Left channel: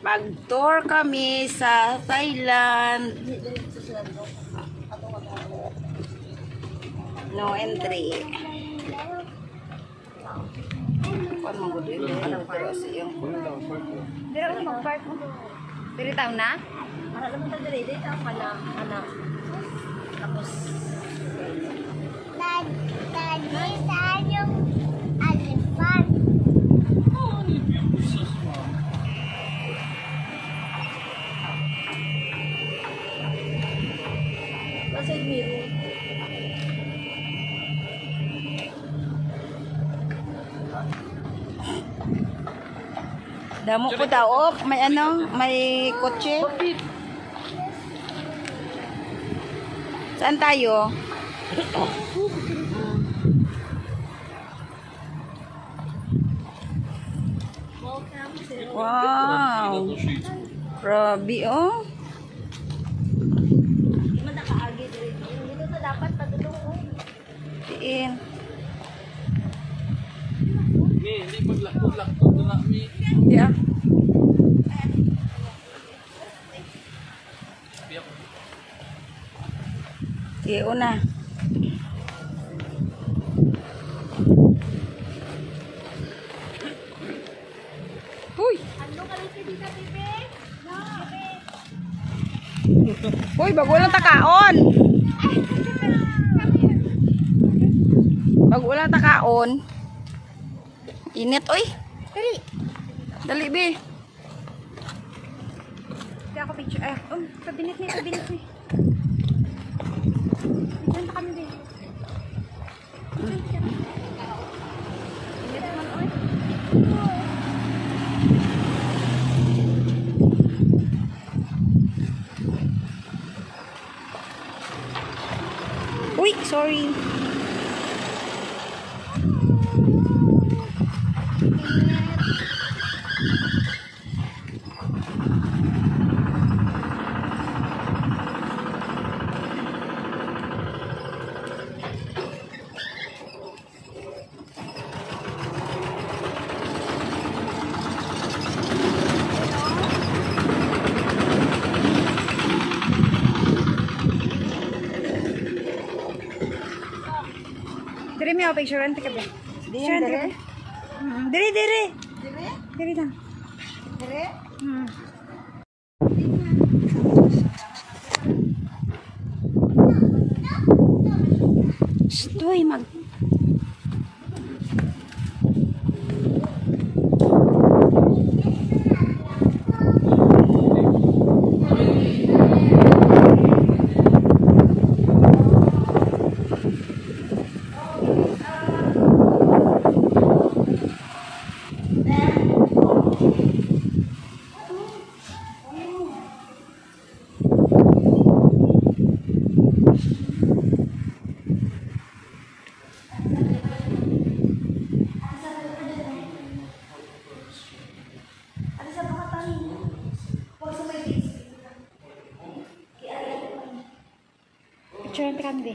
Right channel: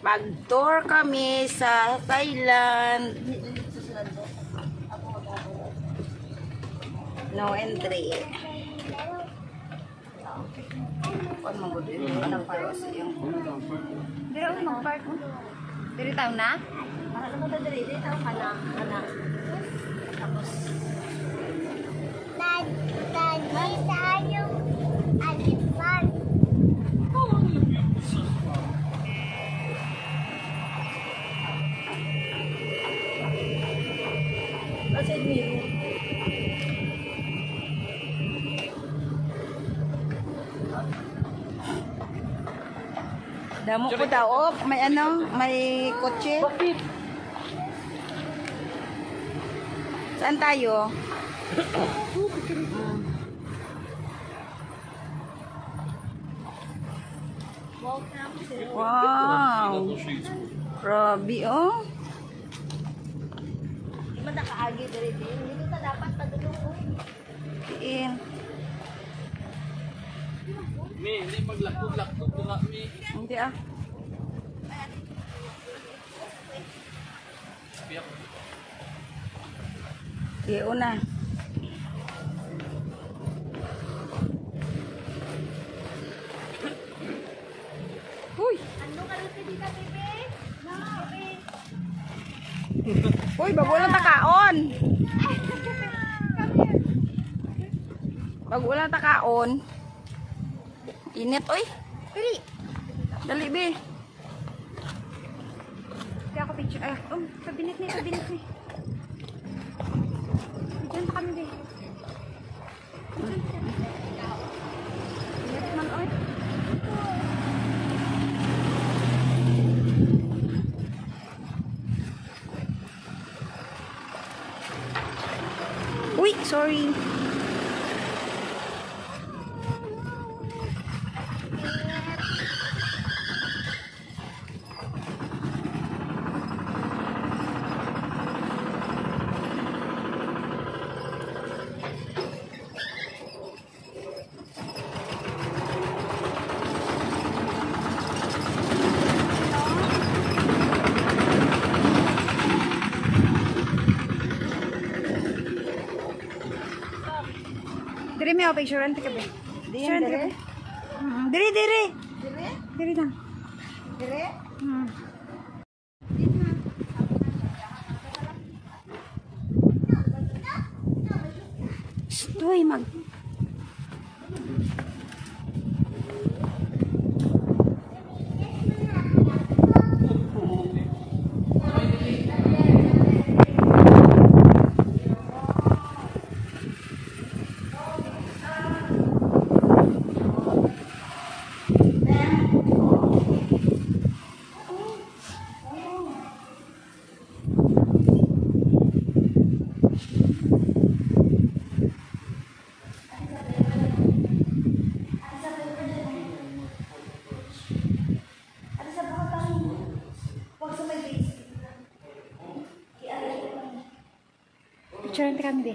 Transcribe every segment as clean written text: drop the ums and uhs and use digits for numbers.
Mag-tour kami sa Thailand. No entry. Kuan mo gud ini ang pharmacy yung. Dira ko mag-park mo. Diri taw na? Alam mo ta diri taw kana. Tapos dad saan yung alifan? Kasi miro. Damo ko daw, may ano, may kotse. Saan tayo? Wow! Grabe, oh. Di man nakaagi diri din. Dito ta dapat padulong, oh. Diin. Hindi paglakot na mi. Yeah. Sige, una. Uy! Ano ka rin dito, bebe? Uy, bago lang takaon. Bago lang takaon. Init, uy. Dali. Dali, be. Kaya ako picture. Ay, pabinit ni. Diyan pa kami, be. Init man, oy. Uy, sorry. Diri may ako picture. Ante ka, be. Picture, ante ka, be. Diri. Diri lang. Dire? Stoy, mag... Picture, ante ka, be.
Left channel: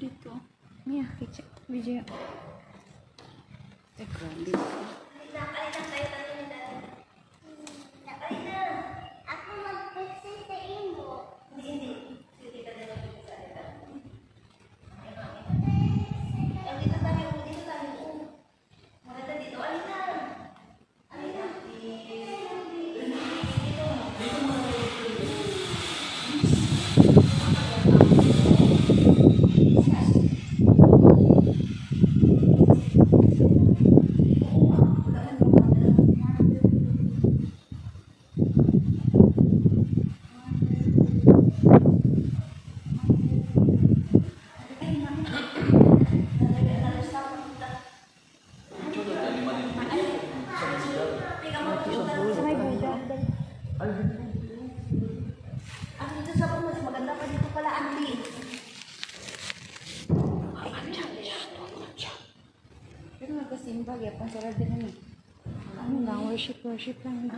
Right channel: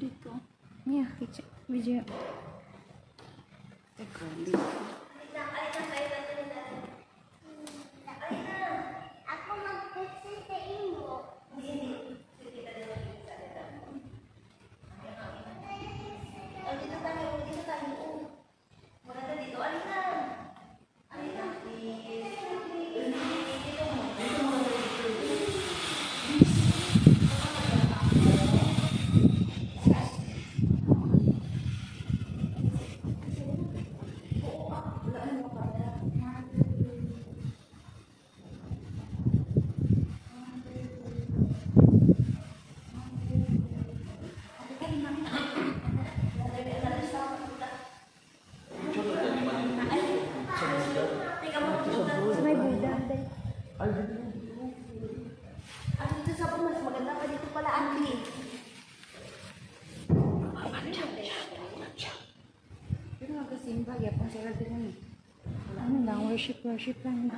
Dito. Yeah, picture. Video. Dito. Ako mag-picture sa imo. Sa mas maganda pa dito pala, Andy. Pero nagkasimba, yapang sarap din naman. Ano lang, worship lang.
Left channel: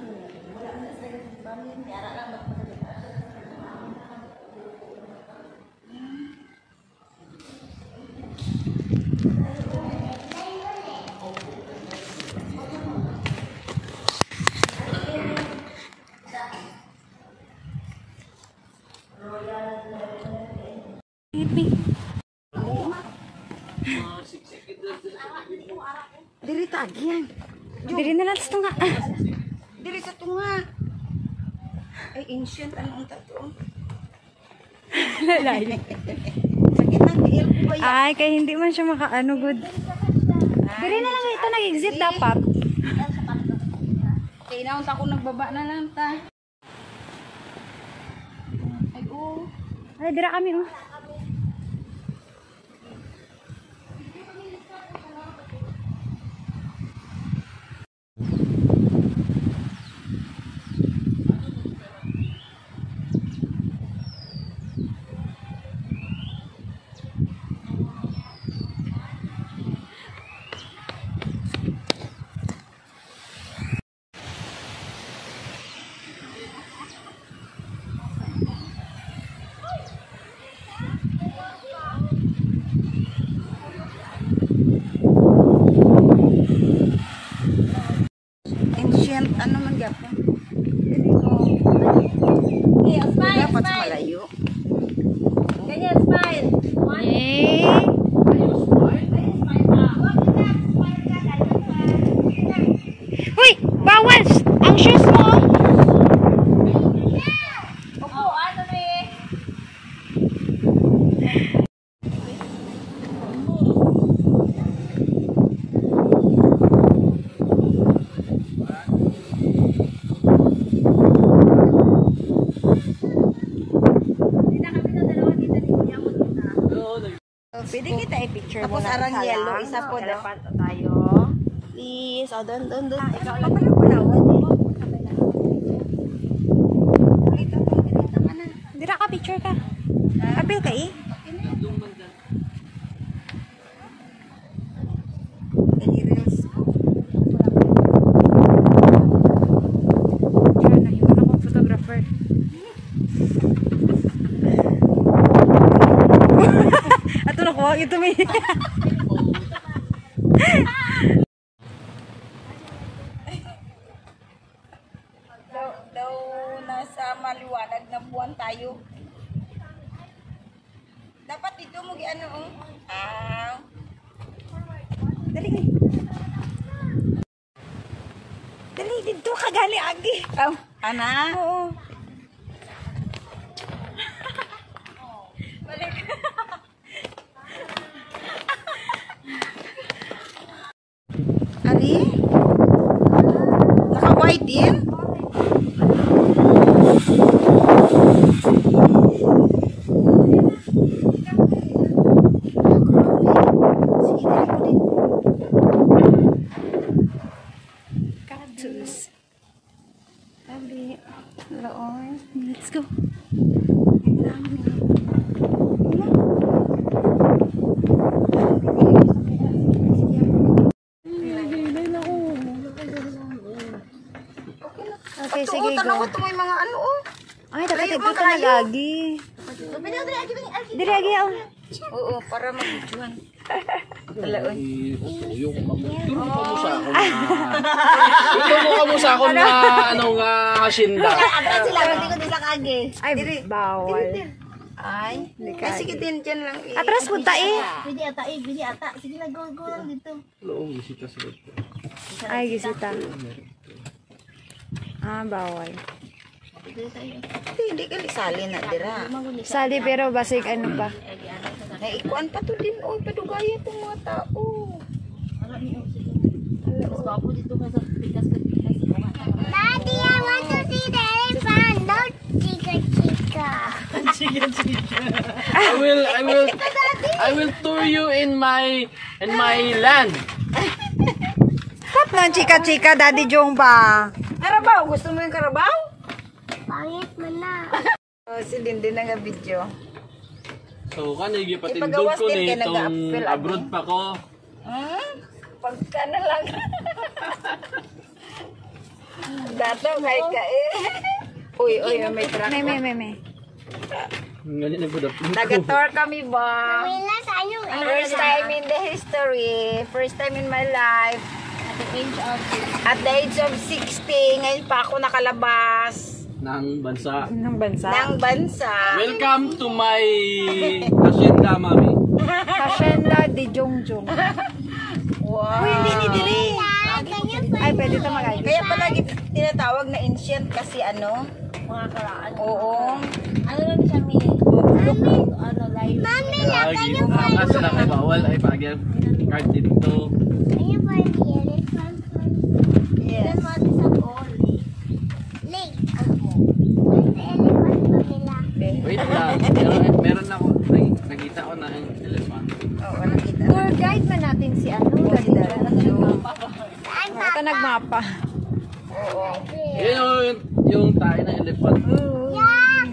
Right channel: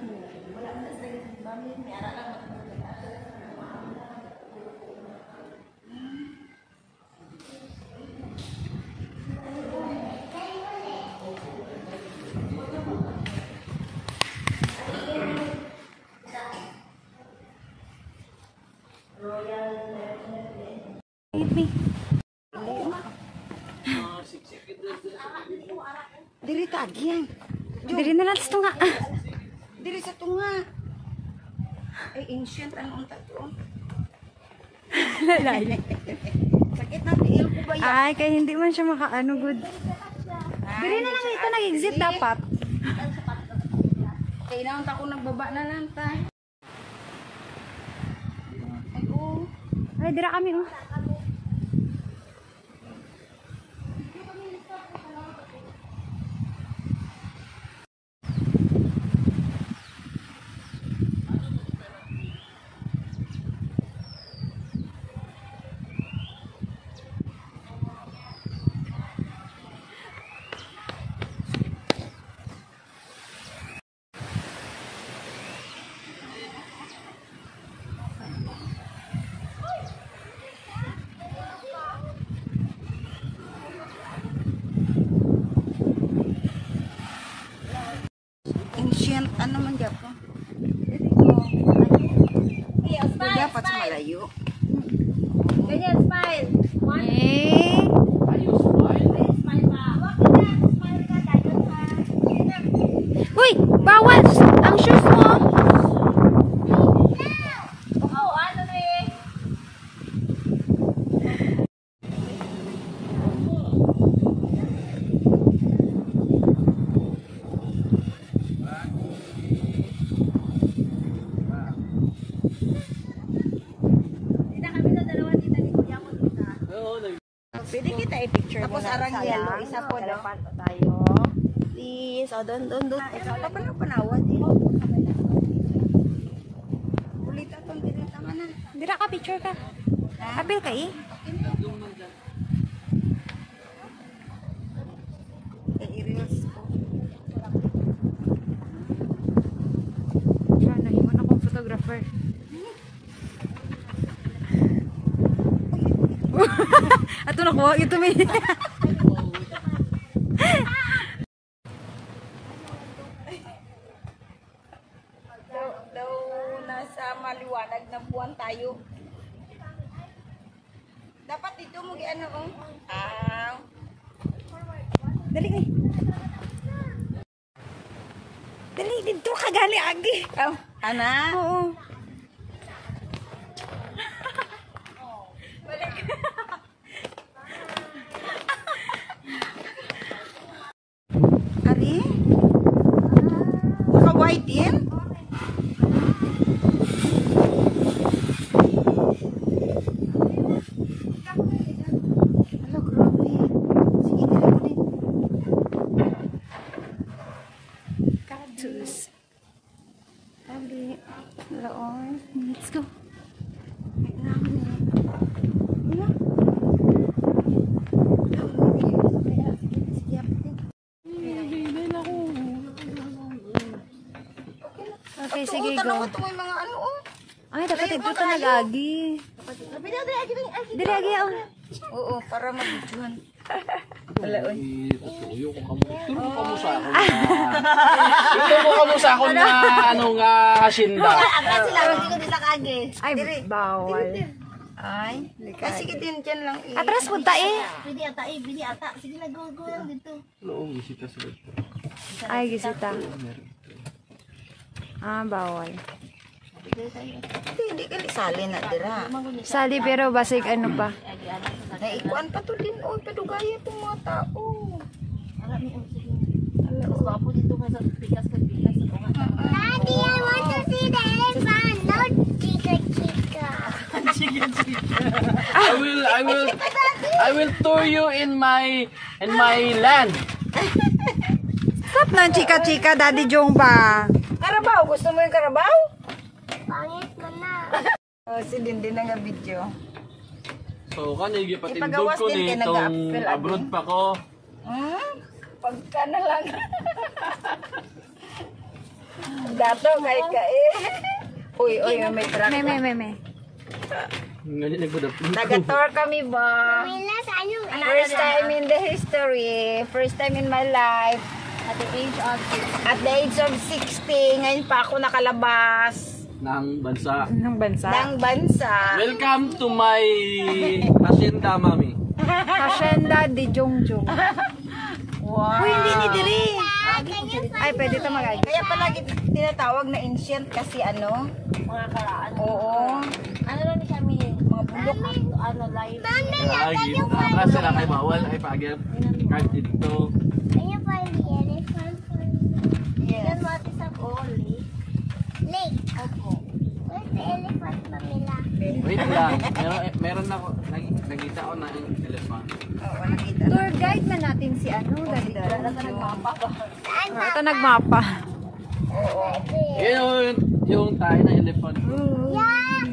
Baby. Diri tagi yan. Diri na lang sa tunga. Diri sa tunga. Ay, ancient, ano ang tato? Lalay. Sakit na, tiil ko ba yan? Ay, kaya hindi man siya makaano good. Diri na lang ito nag-exit dapat. Kaya inaunta ko nagbaba na lang ta. Ay, oo. Ay, dira kami oh. Ancient, ano man Japon? Yeah, smile, Dapat smile. malayo. Ganyan, smile. One, Eh. smile pa. Wag ka, smile ka. Uy, bawal! Ang shoes mo! Opo, ano na eh. Pwede kita i-picture Tapos arang yellow, isa po daw. Elephant tayo. Please, o doon. Ikaw lang pala panawan eh. Ulitan ko, ulitan man na. Dira ka, picture ka. Apil ka eh. Dali reels ko. Siya, nahiman akong photographer. Ato na ko, ito may... Daw nasa maliwanag na buwan tayo. Dapat dito mo ano oh. Dali nga. Dali, dito ka gali, agi. Ana? Oo. Ari? Naka-white din? Cactus. Dali. Laon. Let's go. Okay, sige, Oo, tanaw go. ko ito may mga ano oh. Ay, dapat Layo ito mo, ka layo. nag-agi. Dili, agi, oh. Oo, para mag-juan. Wala oy. Tuyo ko kamo. Turo ka mo sa ako na. Ituro ka mo sa ako na ano nga hasinda. Agad sila, hindi ko nila kage. Ay, bawal. Ay, sige din dyan lang eh. Atras po ta eh. Pwede ata. Sige na, go lang dito. Oo, bisita sila. Ay, gisita. Ah, bawal. Hindi ka lisali na dira. Sali pero basig ano pa. Naikuan pa to din oh, padugaya tong mga tao. Mas gwapo dito kasi pikas. Daddy, I want to see the elephant. No, chica. I will tour you in my land. Stop na, chika-chika, Daddy Jong ba? Karabaw, gusto mo yung karabaw? Pangit man na. Oh, si Dindin na nga video. So, kanigi patindog Ipagawas ko din kay nitong nag-a-appeal, abroad pa ko. Pagka na lang. Dato, kay ka eh. Uy, may truck. May. Ngayon na good afternoon. Nag-tour kami ba? Wala sa anyo. First time in the history. First time in my life. At the age of 60. Ngayon pa ako nakalabas Ng bansa. Ng bansa. ng bansa. Welcome to my hacienda, mami. Hacienda de Jongjong. Wow. Uy, hindi ni Diri. Ay, pwede ito magagi. Kaya palagi tinatawag na ancient kasi ano? Mga karaan. Oo. Ano na ni siya, Mi? Ano, live. Lagi. Kasi na kay bawal ay pagyan. Card dito. Ano pa yung elephant? Yes. Yan mo ati sa ball. Lake. Where's the elephant, Pamela? Wait lang. Meron ako. Ay, nakita ko na yung elephant. Oo, nakita. Tour guide man natin si ano, Daddy. Saan pa? Ito nagmapa. Oo. Yun yung tayo ng elephant. Yan.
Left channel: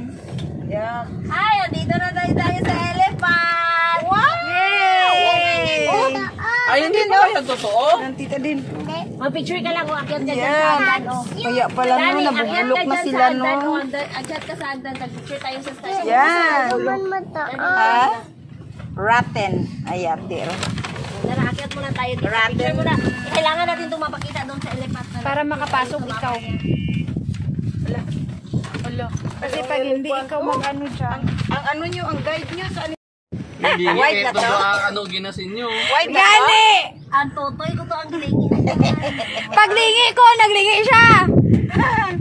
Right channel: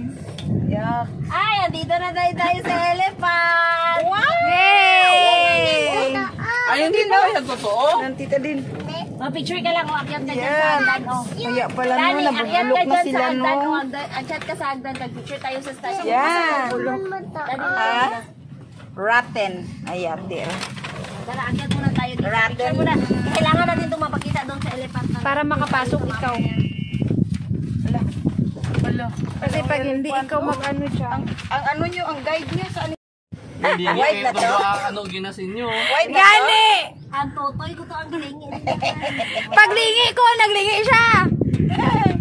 Yeah. Ay, dito na tayo sa elephant! Yay! Ay, hindi na yan totoo. Nandito din. Mag-picture ka lang, akyat ka dyan sa hagdan, oh. Kaya pala no, Dani, nabubulok akyat na ka dyan sila sa hagdan, no. oh. Akyat ka sa hagdan, mag-picture tayo sa station. Yan. Bulong mo to. Ah? Rotten. Ayan, dear. Tara, akyat muna tayo. dito. Ratten. Picture muna. Kailangan natin itong mapakita doon sa elephant. Para makapasok ikaw. Kasi pag hindi ikaw mag-ano siya. Ang ano nyo, ang guide nyo sa ano? Hindi nga. White na Ito to? ba ano ginasin nyo? White na to? Gani! Ang totoy ko to ang gilingi. Paglingi ko, naglingi siya.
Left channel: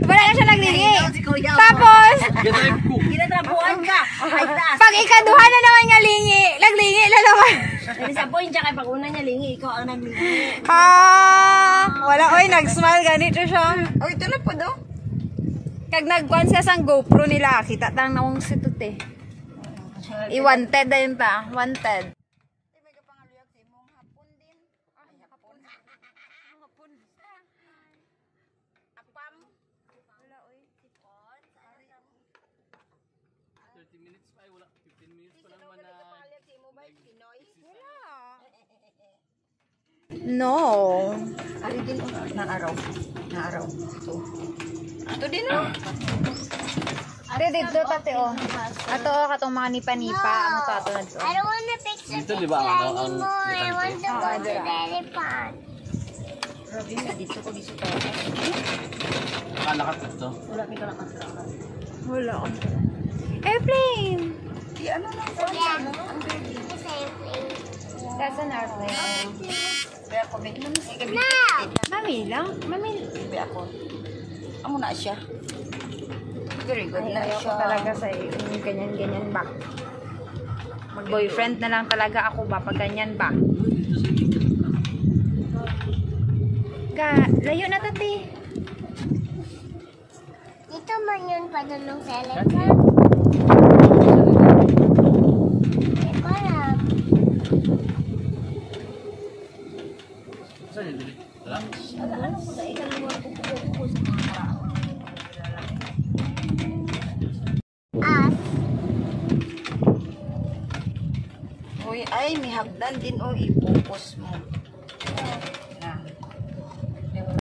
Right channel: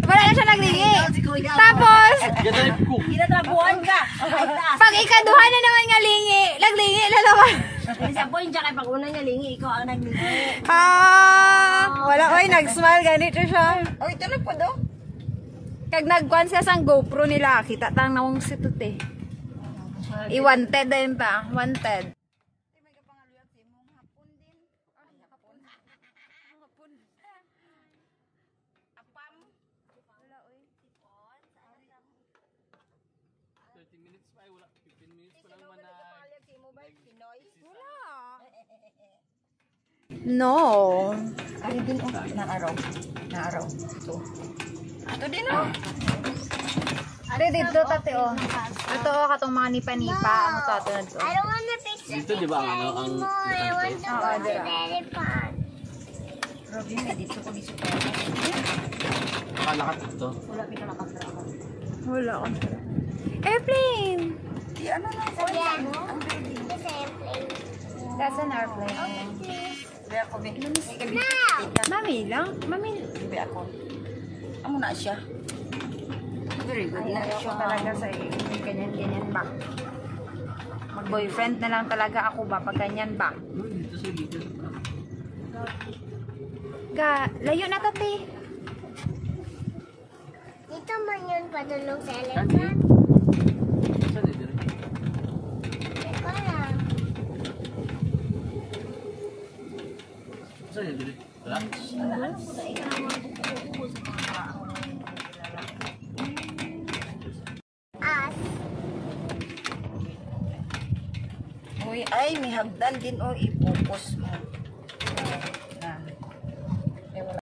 Wala na siya naglingi. Si Kuya. Tapos, Ganda ko. Ginatrabuhan ka. Ay, taas. pag ikaduha na naman nga lingi, naglingi na naman. Hindi sa point siya kay pag una niya lingi, ikaw ang naglingi. Wala, oy, nag-smile, ganito siya. Oh, ito na po do. Kag nagkuhan siya sang GoPro nila, kita tang nawang situt eh. I-wanted na yun ta, wanted. No. Ari din oh, ng araw. Ng araw. So. Ito din oh. Ate, dito tate oh. Ato oh, katong mga nipa-nipa. Ang to ato na to. I don't want to picture Dito di ba ang ano ang anymore. I want to go to the dira. elephant. Grabe na dito ko dito. nakalakat ito. Wala akong tira. Airplane! Ano na po? Again. It's a airplane. That's an airplane. Kaya ako may gabi. Mami lang? Mami. Gabi ako. Amo na siya. Very good na Ayoko siya. talaga sa ganyan-ganyan ba? Mag-boyfriend na lang talaga ako ba pag ganyan ba? Layo na tati. Dito man yun padulong sa elephant. Hindi ko alam. Saan yun? Dili? Wala? Us. Uy, ay, may hagdan din oh. I-focus mo.